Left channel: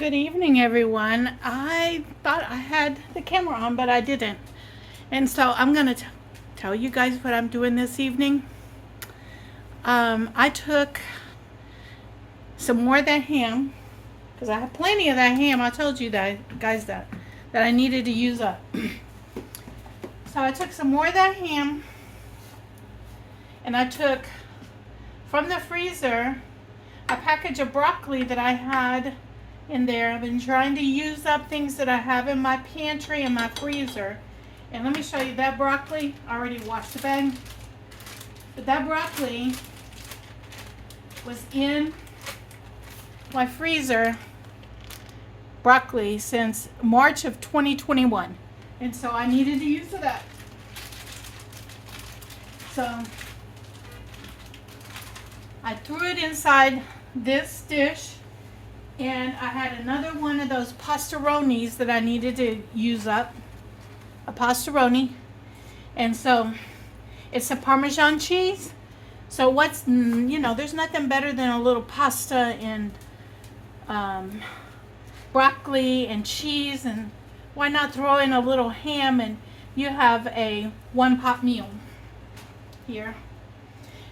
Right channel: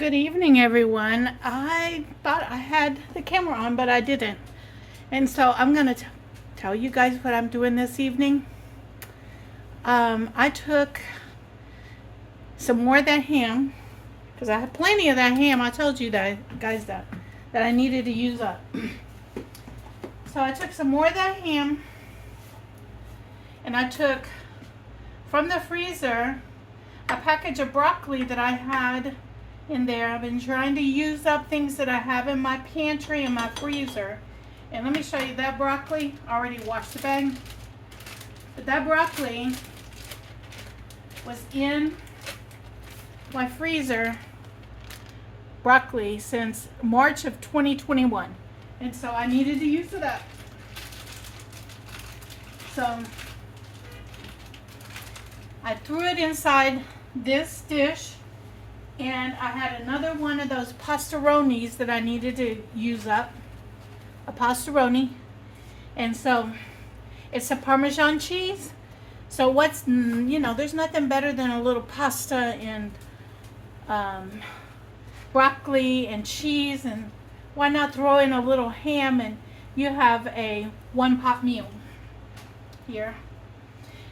Good evening, everyone. I thought I had the camera on, but I didn't. And so I'm going to tell you guys what I'm doing this evening. I took some more of that ham, because I had plenty of that ham. I told you that, guys, that I needed to use up. So I took some more of that ham, and I took from the freezer a package of broccoli that I had in there. I've been trying to use up things that I have in my pantry and my freezer. And let me show you that broccoli. I already washed the bag. But that broccoli was in my freezer broccoli since March of 2021. And so I needed to use it up. So I threw it inside this dish. And I had another one of those pastaronis that I needed to use up. A pastaroni. And so it's a Parmesan cheese. So there's nothing better than a little pasta and broccoli and cheese. And why not throw in a little ham and you have a one-pot meal here.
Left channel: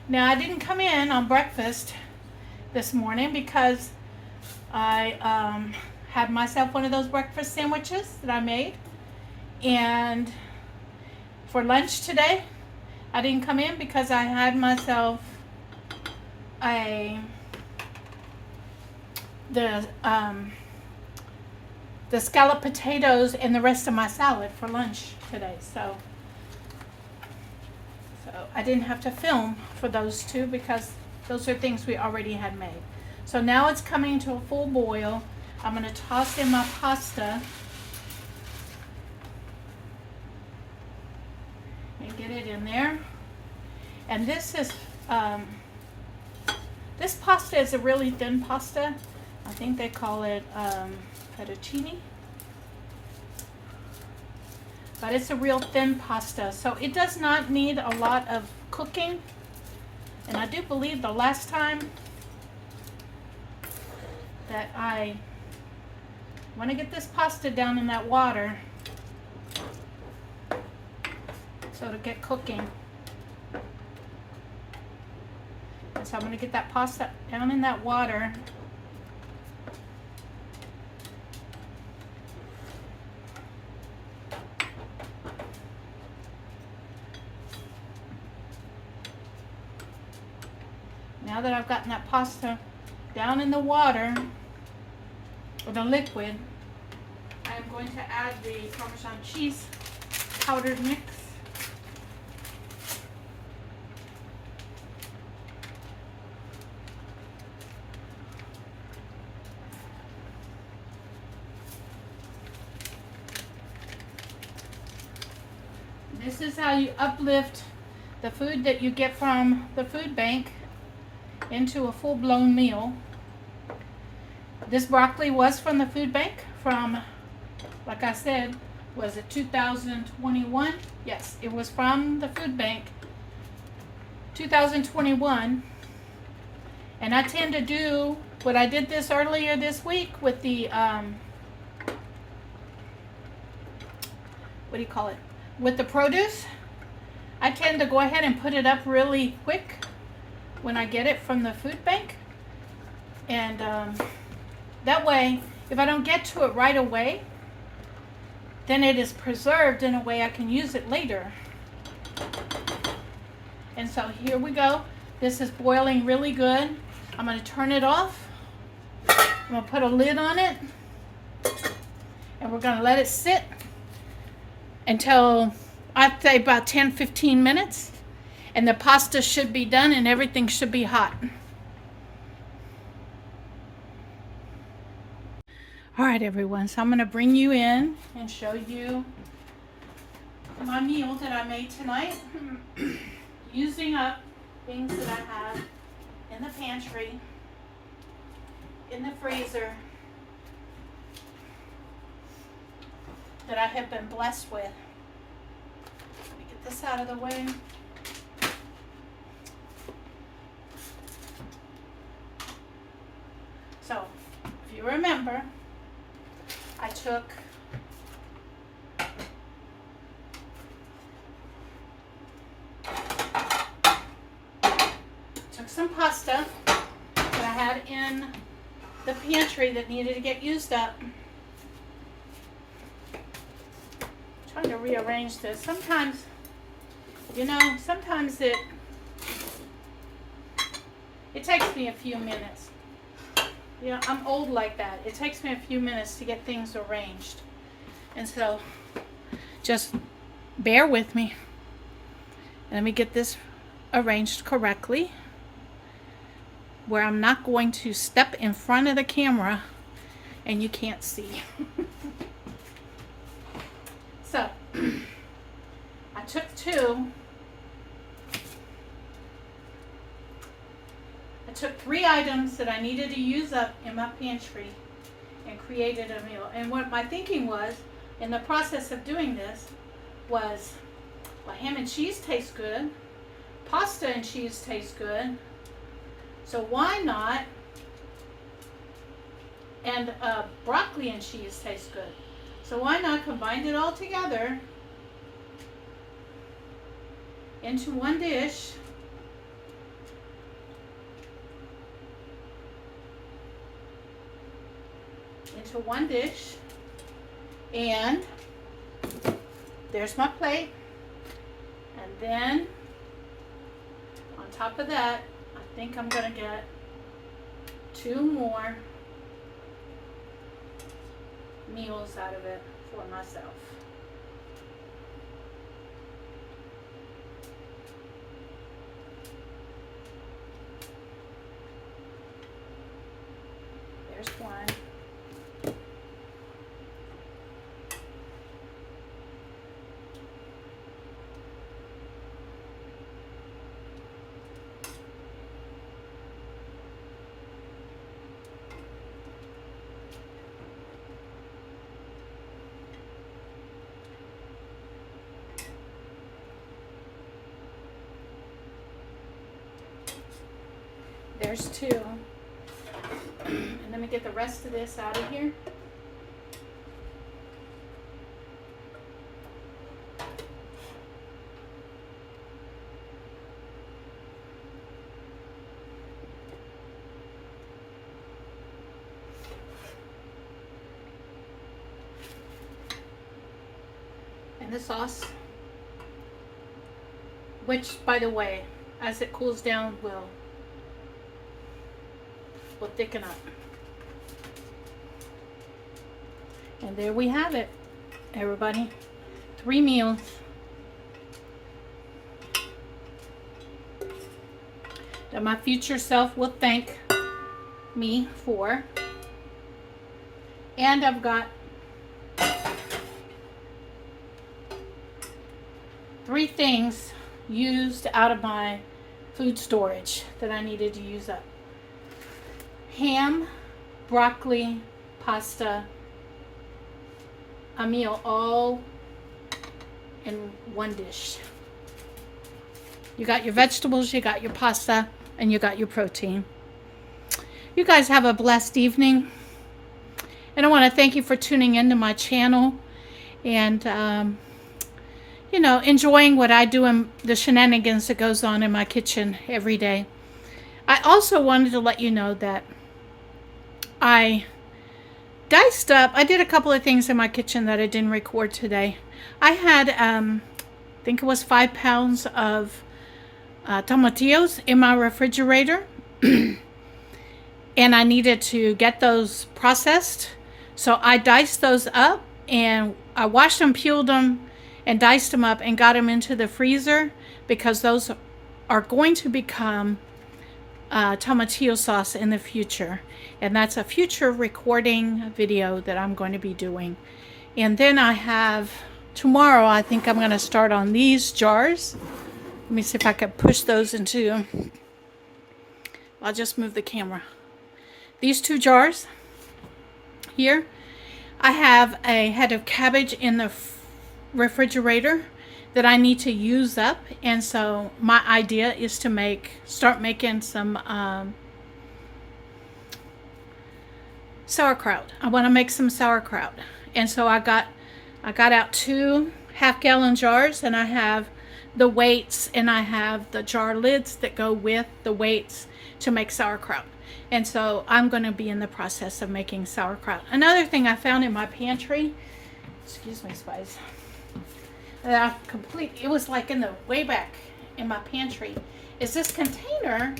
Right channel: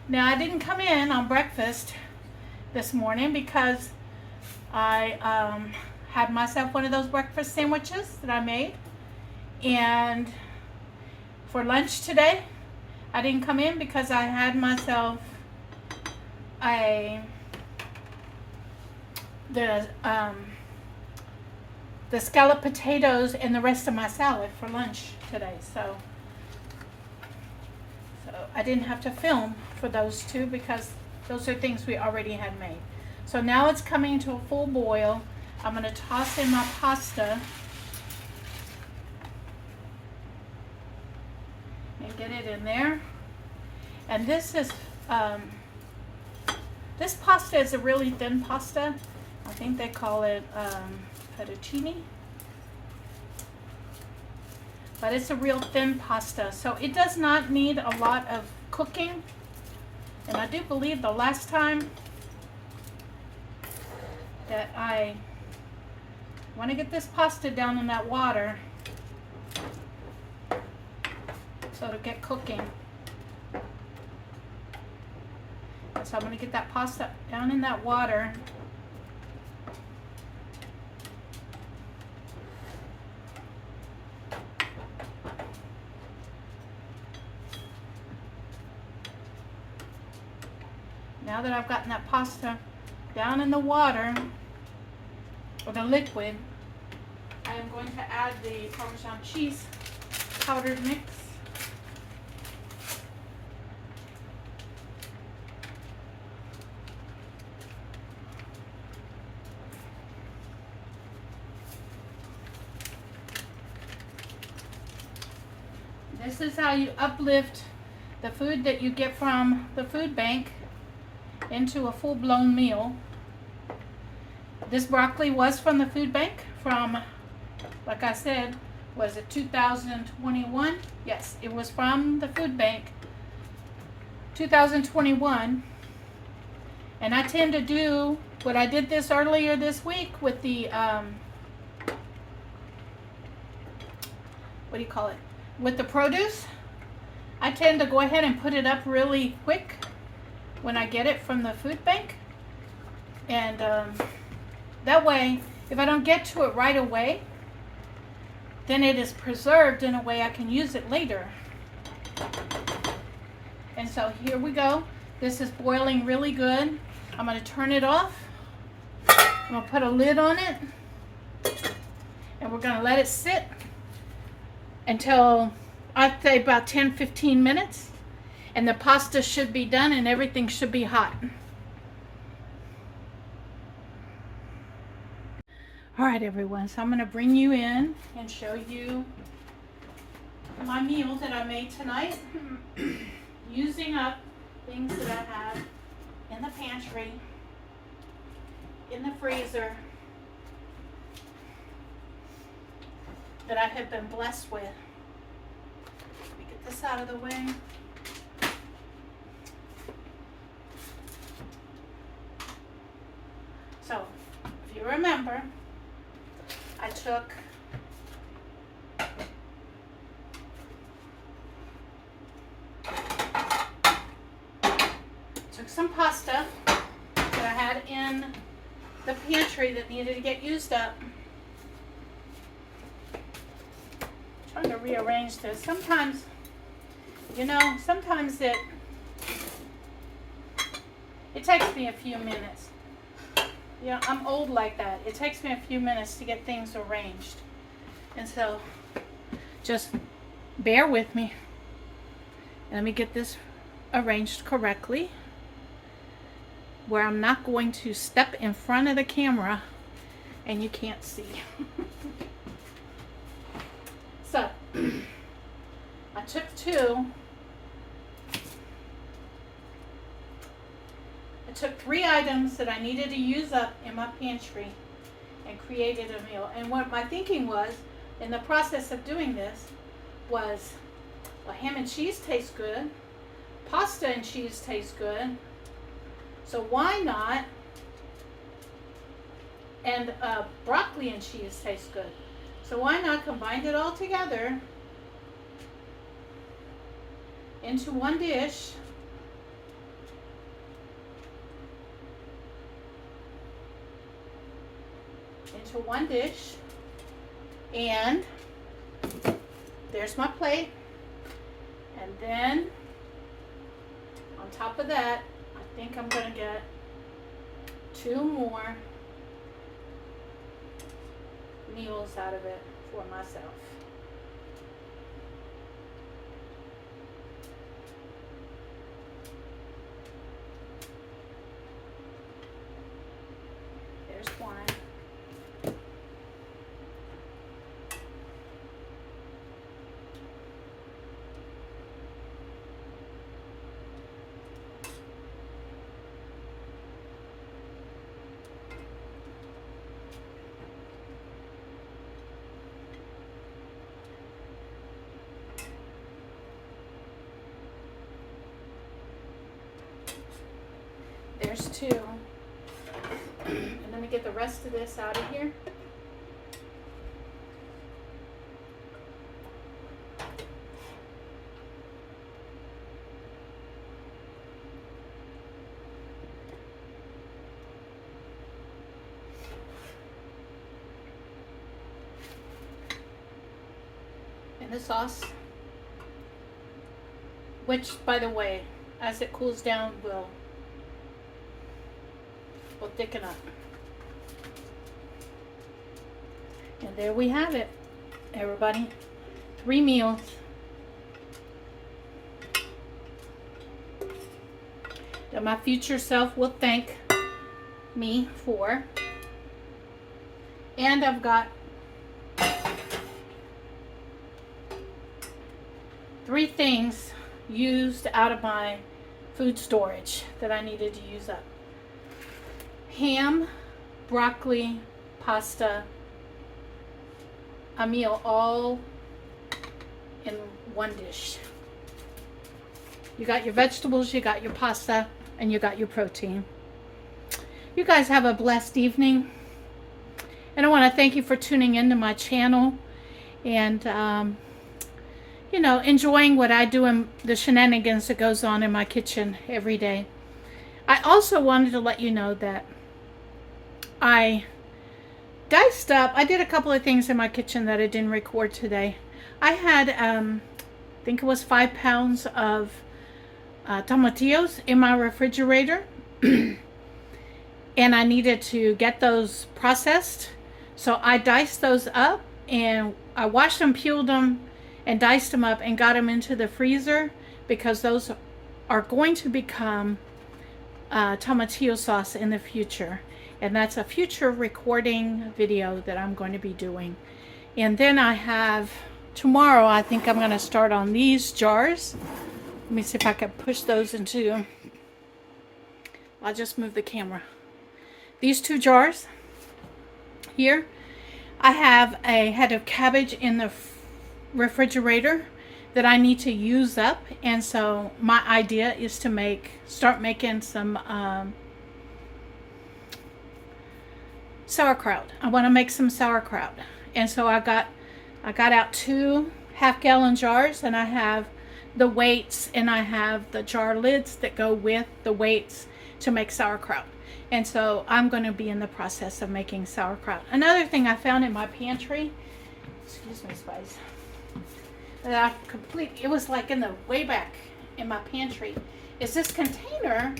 Now I didn't come in on breakfast this morning because I had myself one of those breakfast sandwiches that I made, and for lunch today I didn't come in because I had myself the scalloped potatoes and the rest of my salad for lunch today, so I didn't have to film for those two because those are things we already had made. So now it's coming to a full boil. I'm going to toss in my pasta and get it in there. And this pasta is a really thin pasta. I think they call it fettuccine. But it's a real thin pasta, so it does not need a lot of cooking. And I do believe the last time that I want to get this pasta down in that water so it'll get cooking. And so I'm going to get that pasta down in that water. Now that I've gotten that pasta down in the water, or the liquid, I'm going to add the Parmesan cheese powdered mix. This is how you uplift the food that you get from the food bank into a full-blown meal. This broccoli was from the food bank from, like I said, was it 2021? Yes, it was from the food bank 2021. And I tend to do what I did this earlier this week with the with the produce. I tend to go ahead and put it up really quick when I get it from the food bank, and that way if I don't get to it right away, then it is preserved in a way I can use it later. And so here we go. This is boiling really good. I'm going to turn it off. I'm going to put a lid on it, and we're going to let it sit until I'd say about 10-15 minutes. And the pasta should be done and everything should be hot. All right, everyone, so I'm going to bring you in and show you my meal that I made tonight using up things that I have in the pantry, in the freezer, that I have been blessed with. Let me get this out of the way. So, if you remember, I took some pasta that I had in the pantry that needed to get used up. I'm trying to rearrange this. Sometimes, you know, sometimes it takes me a few minutes. Yeah, I'm old like that. It takes me a few minutes to get things arranged. And so, just bear with me. Let me get this arranged correctly, where I'm not going to step in front of the camera and you can't see. So, I took three items that I needed to use up in my pantry and created a meal. And what my thinking was, in the process of doing this, was, well, ham and cheese tastes good, pasta and cheese tastes good, so why not, and broccoli and cheese tastes good, so why not combine it all together into one dish. And there's my plate. And then on top of that, I think I'm gonna get 2 more meals out of it for myself. There's one. There's 2. And let me get the rest of this out of here. And the sauce, which, by the way, as it cools down, will thicken up. And there we have it, everybody. 3 meals. That my future self will thank me for. And I've got 3 things used out of my food storage that I needed to use up. Ham, broccoli, pasta, a meal all in one dish. You got your vegetables, you got your pasta, and you got your protein. You guys have a blessed evening. And I want to thank you for tuning into my channel and, you know, enjoying what I do and the shenanigans that goes on in my kitchen every day. I also wanted to let you know that I diced up, I did a couple of things in my kitchen that I didn't record today. I had, I think it was 5 pounds of tomatillos in my refrigerator. And I needed to get those processed. So I diced those up and I washed them, peeled them, and diced them up and got them into the freezer because those are going to become tomatillo sauce in the future. And that's a future recording video that I'm going to be doing. And then I have, tomorrow I think I'm going to start on these jars. Let me see if I can push those into, I'll just move the camera. These 2 jars here, I have a head of cabbage in the refrigerator that I need to use up. And so my idea is to start making some sauerkraut. I want to make some sauerkraut. And so I got out 2 half-gallon jars, and I have the weights, and I have the jar lids that go with the weights to make sauerkraut. And so I'm going to be in the process of making sauerkraut. Another thing I found in my pantry, excuse me, Spice, that it was like in the way back in my pantry, is this container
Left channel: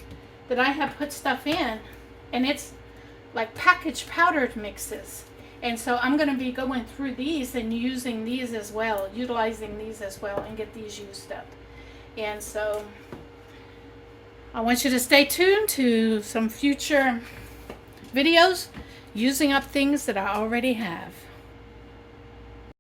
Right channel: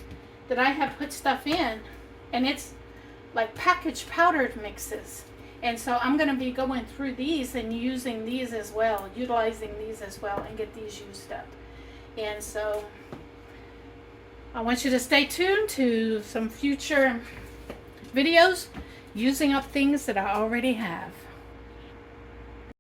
that I have put stuff in, and it's like packaged powdered mixes. And so I'm going to be going through these and using these as well, utilizing these as well, and get these used up. And so I want you to stay tuned to some future videos using up things that I already have.